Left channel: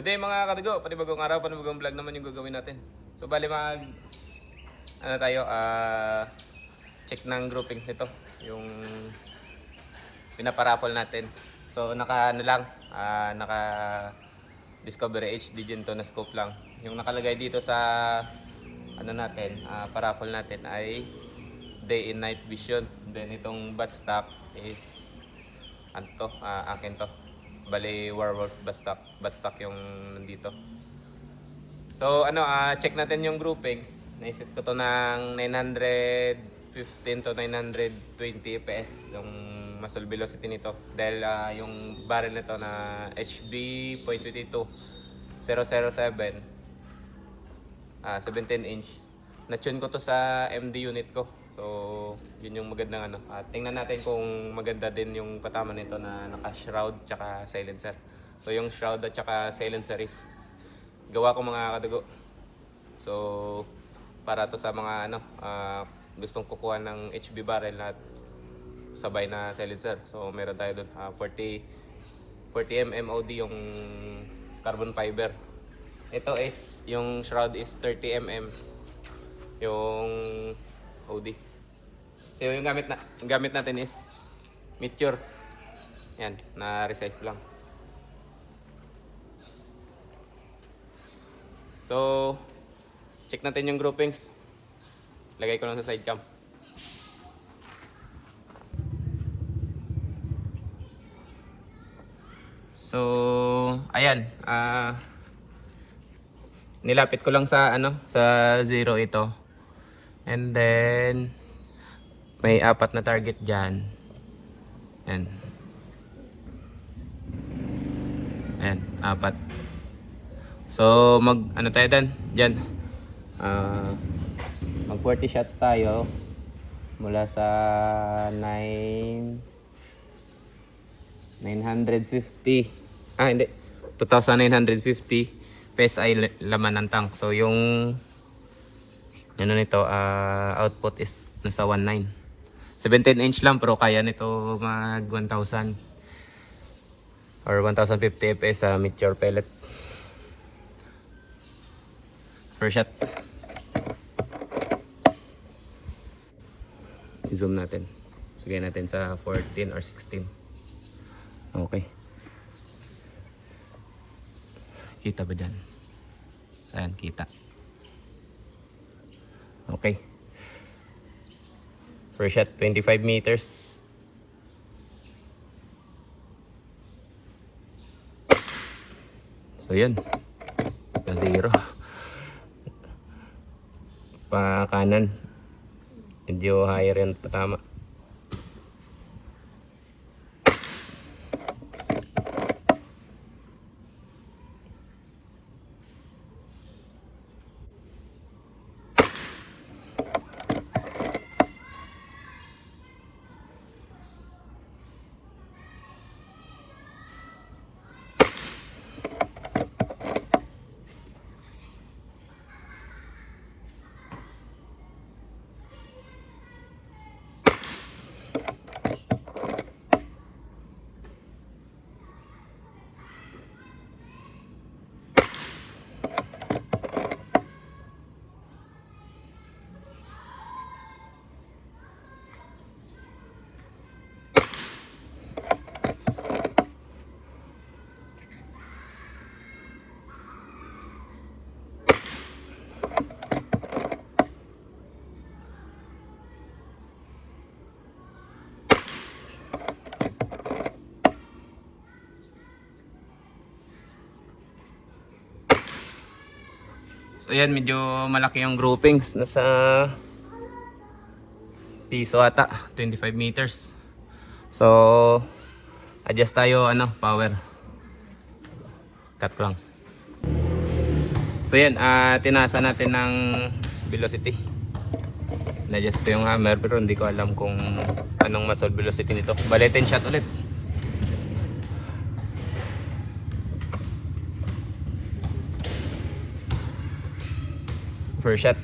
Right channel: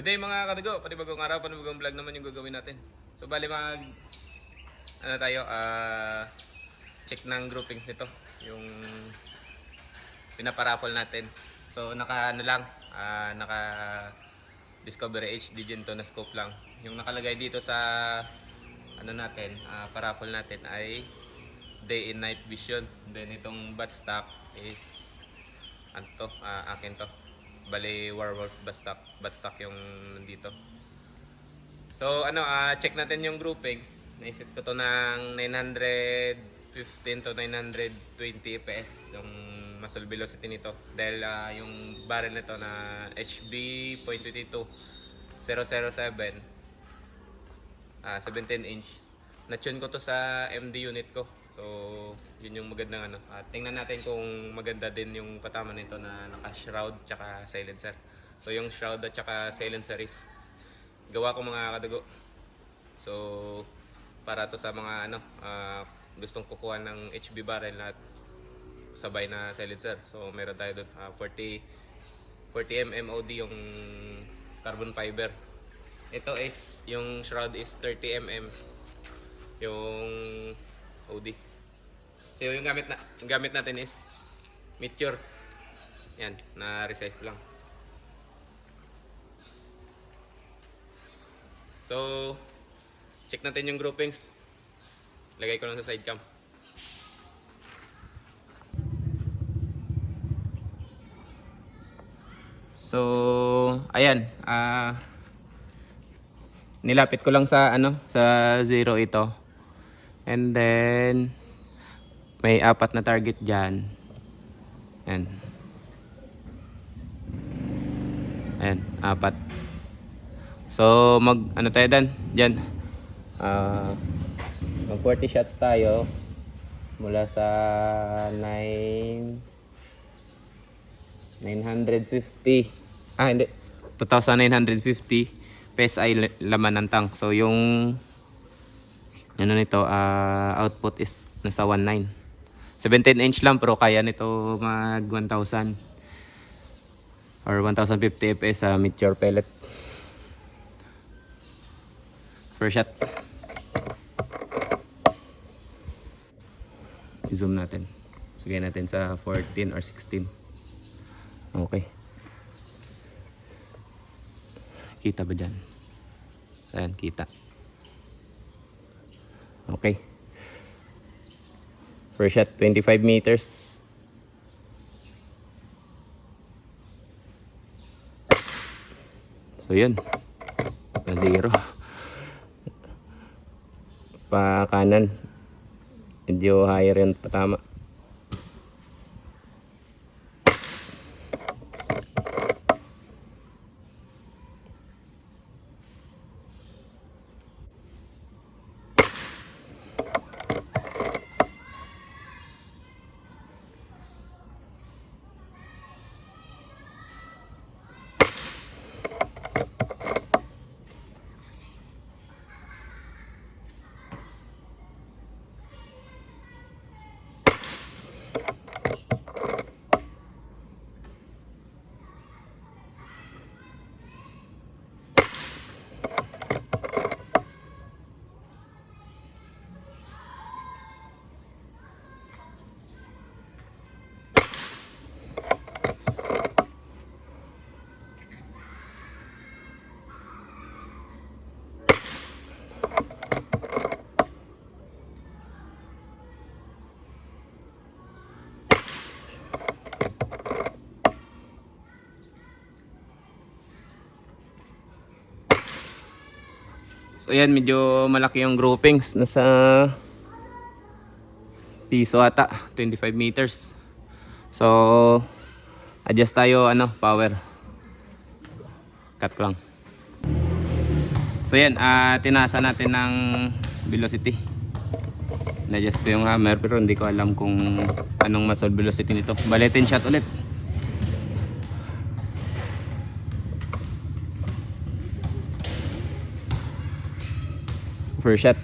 Good day mga kadigo, panibagong araw, panibagong vlog naman yung gagawin natin. So bali check ng groupings nito, yung pinaparaffle natin. So naka Discovery HD Gento na scope lang. Yung nakalagay dito sa paraffle natin ay day and night vision. Then itong buttstock is akin to. Bali Warwolf buttstock yung nandito. So check natin yung groupings. Naisip ko to ng 915 to 920 fps yung muzzle velocity nito dahil yung barrel nito na HB .22 007 17 inch. Na-tune ko to sa MD unit ko. So, yun yung magandang tingnan natin kung maganda din yung patama nito na naka-shroud tsaka silencer. So, yung shroud at tsaka silencer is gawa ko mga kadugo. So, para to sa mga gustong kukuha ng HB barrel at sabay na silencer. So, meron tayo doon 40 MOD yung carbon fiber. Ito is yung shroud is 30 yung OD. So yung gamit natin is Meteor. Yan, na-resize ko lang. So, check natin yung groupings. Lagay ko lang sa side cam. So, ayan. Nilapit ko lang sa sa zero ito. And then may 4 na target diyan. Ayan. Ayan, 4. So tayo diyan. Mag 40 shots tayo mula sa 950. Hindi. 2,950 PSI laman ng tank. So yung nito output is nasa 19. 17 inch lang pero kaya nito mag 1,000 or 1,050 fps sa Meteor pellet. First shot. I-zoom natin. Lagay natin sa 14 or 16. Okay. Kita ba dyan? Saan? Kita. Okay. First shot, 25 meters. So yun. Pa zero. Pa kanan. Medyo higher yun patama. So yan, medyo malaki yung groupings. Nasa piso ata, 25 meters. So adjust tayo power. Cut ko lang. So yan, tinasa natin ng velocity. Na-adjust ko yung hammer pero hindi ko alam kung anong muzzle velocity nito. Bale 10 shot ulit. First shot.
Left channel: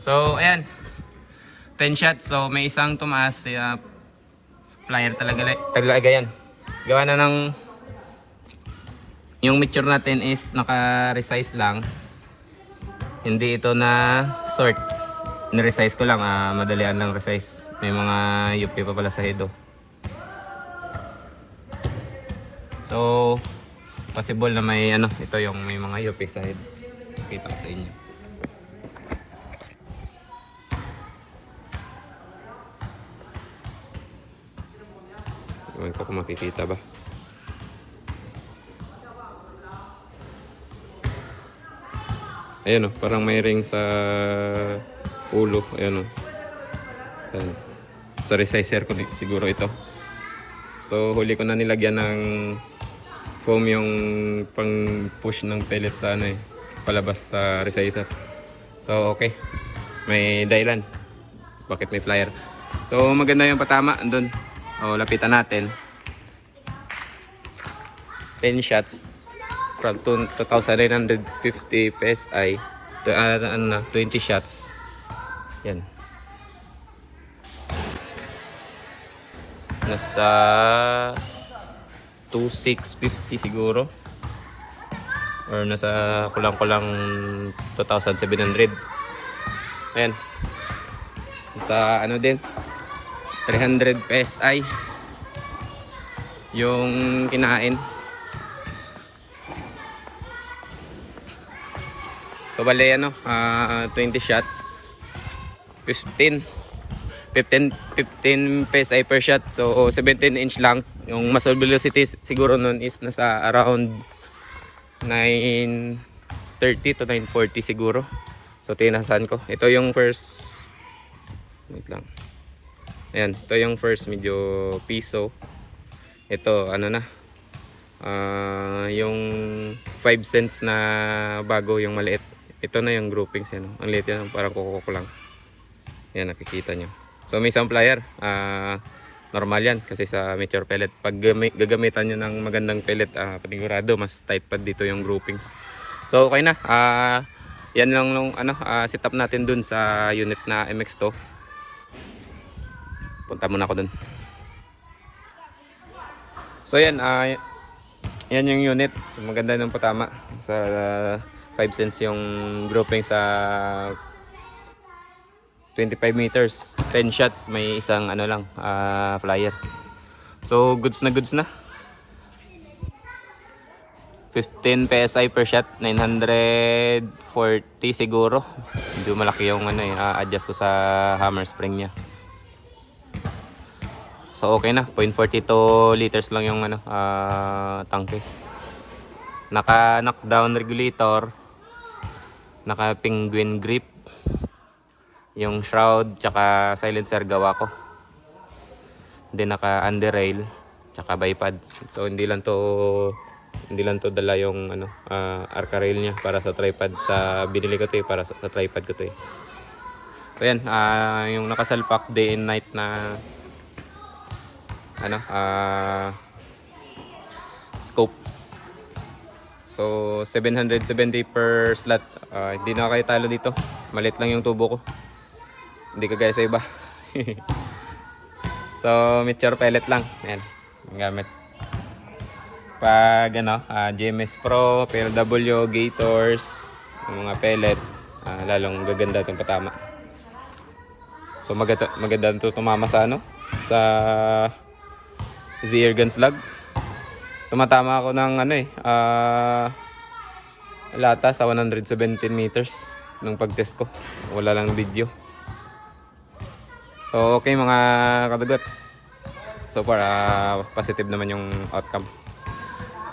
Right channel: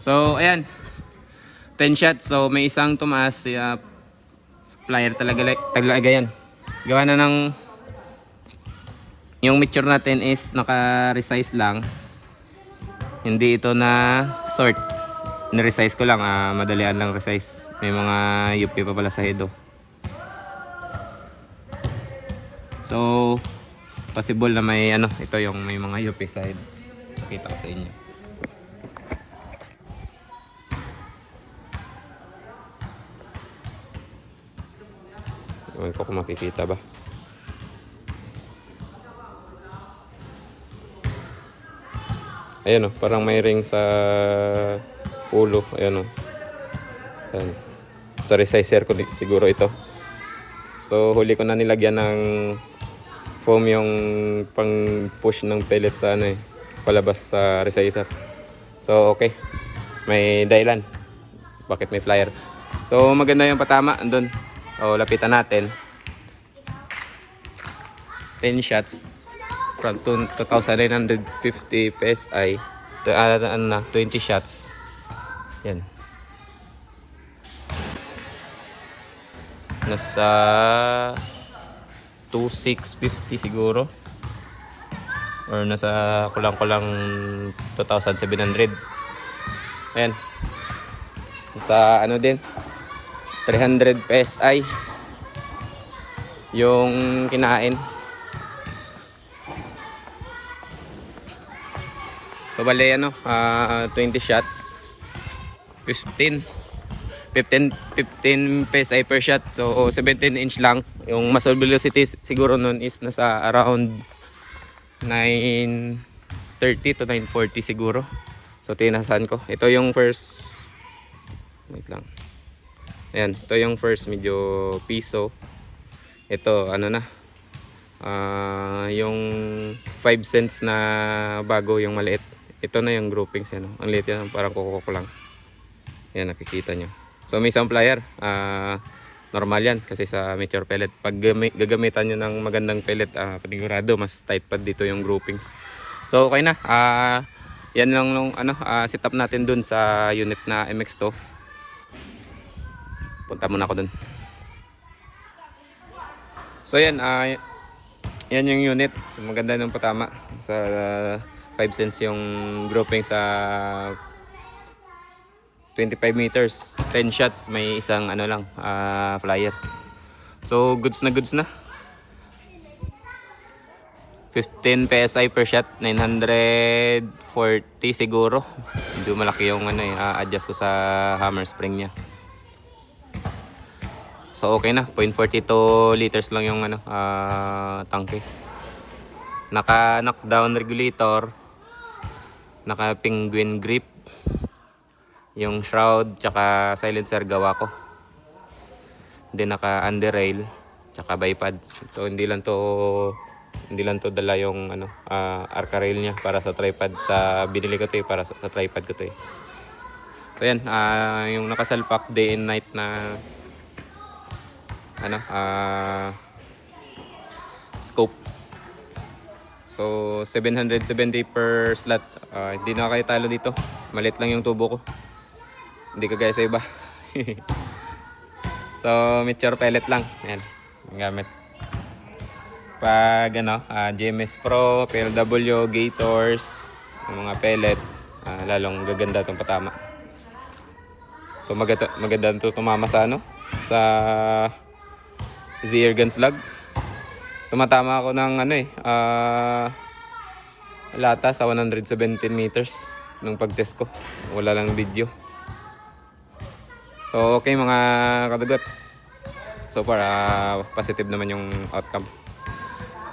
So, ayan. 10 shots. So, may isang tumaas. Flyer talaga yan. Gawa na ng... Yung mixture natin is naka-resize lang. Hindi ito na sort. Ni-resize ko lang. Madalian lang resize. May mga UP pa pala sa head. So, possible na may ano, ito yung may mga UP sa head. Kita ko sa inyo. Ano ko kung makikita ba? Ayan o, parang may ring sa ulo. Ayan o. Ayan. Sa resizer ko siguro ito. So huli ko na nilagyan ng foam yung pang push ng pellet sa ano palabas sa resizer. So okay. May dahilan. Bakit may flyer? So maganda yung patama andun. O lapitan natin. 10 shots from 2,950 PSI. 20 shots. Yan. Nasa 2,650 siguro. Or nasa kulang-kulang 2,700. Ayan. Sa ano din 300 PSI yung kinain. So bale ano, 20 shots 15 PSI per shot. So 17 inch lang. Yung muzzle velocity siguro nun is nasa around 930 to 940 siguro. So tinasan ko. Ito yung first, wait lang. Ayan, ito yung first medyo piso. Ito ano na, yung 5 cents na bago yung maliit. Ito na yung groupings yan. Ang liit yan, parang kuko lang. Ayan, nakikita nyo. So may isang plier, normal yan kasi sa mature pellet. Pag gagamitan nyo ng magandang pellet, panigurado mas tight pa dito yung groupings. So okay na, yan lang nung setup natin dun sa unit na MX2. Punta muna ako dun. So yan, yan yung unit. So, maganda ng patama. Sa 5 cents yung grouping sa 25 meters. 10 shots, may isang ano lang, flyer. So goods na goods na. 15 PSI per shot, 940 siguro. Medyo malaki yung adjust ko sa hammer spring niya. So okay na, 0.42 liters lang yung tangke. Naka knockdown regulator, naka penguin grip, yung shroud tsaka silencer gawa ko. Then naka underrail tsaka bipod. So hindi lang to dala yung arca rail niya para sa tripod. Sa binili ko to para sa tripod ko to So yan, yung nakasalpak day and night na scope. So 770 per slot. Hindi na kayo talo dito. Malit lang yung tubo ko. Hindi kagaya sa iba. So mature pellet lang. Ayan, yung gamit. Pag GMS Pro, PLW, Gators, yung mga pellet, lalong gaganda itong patama. So maganda ito tumama sa sa Z-Air Gun Slug. Tumatama ako ng lata sa 117 meters nung pag-test ko. Wala lang video. So okay mga kadagat. So far positive naman yung outcome.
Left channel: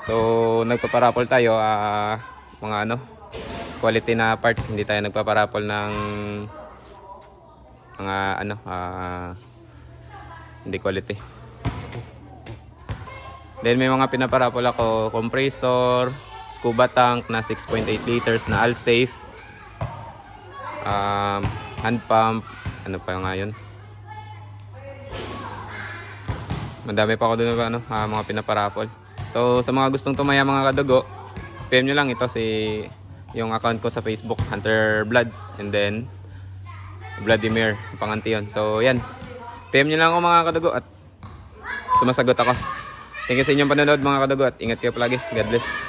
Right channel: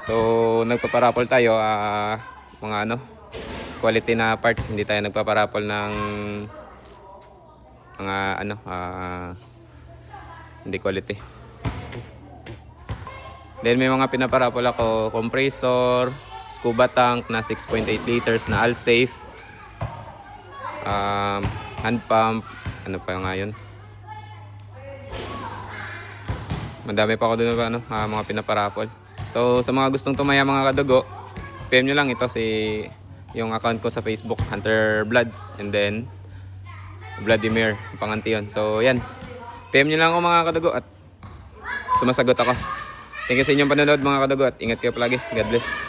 So nagpaparapol tayo mga quality na parts. Hindi tayo nagpaparapol ng mga hindi quality. Then may mga pinaparapol ako, compressor, scuba tank na 6.8 liters na Alsafe, hand pump, ano pa nga yun. Madami pa ako doon mga pinaparapol. So sa mga gustong tumaya mga kadugo, PM nyo lang ito yung account ko sa Facebook, Hunter Bloods. And then Vladimir, panganti yun. So yan, PM nyo lang ako mga kadugo at sumasagot ako. Thank you sa inyong panonood mga kadugo at ingat kayo palagi. God bless.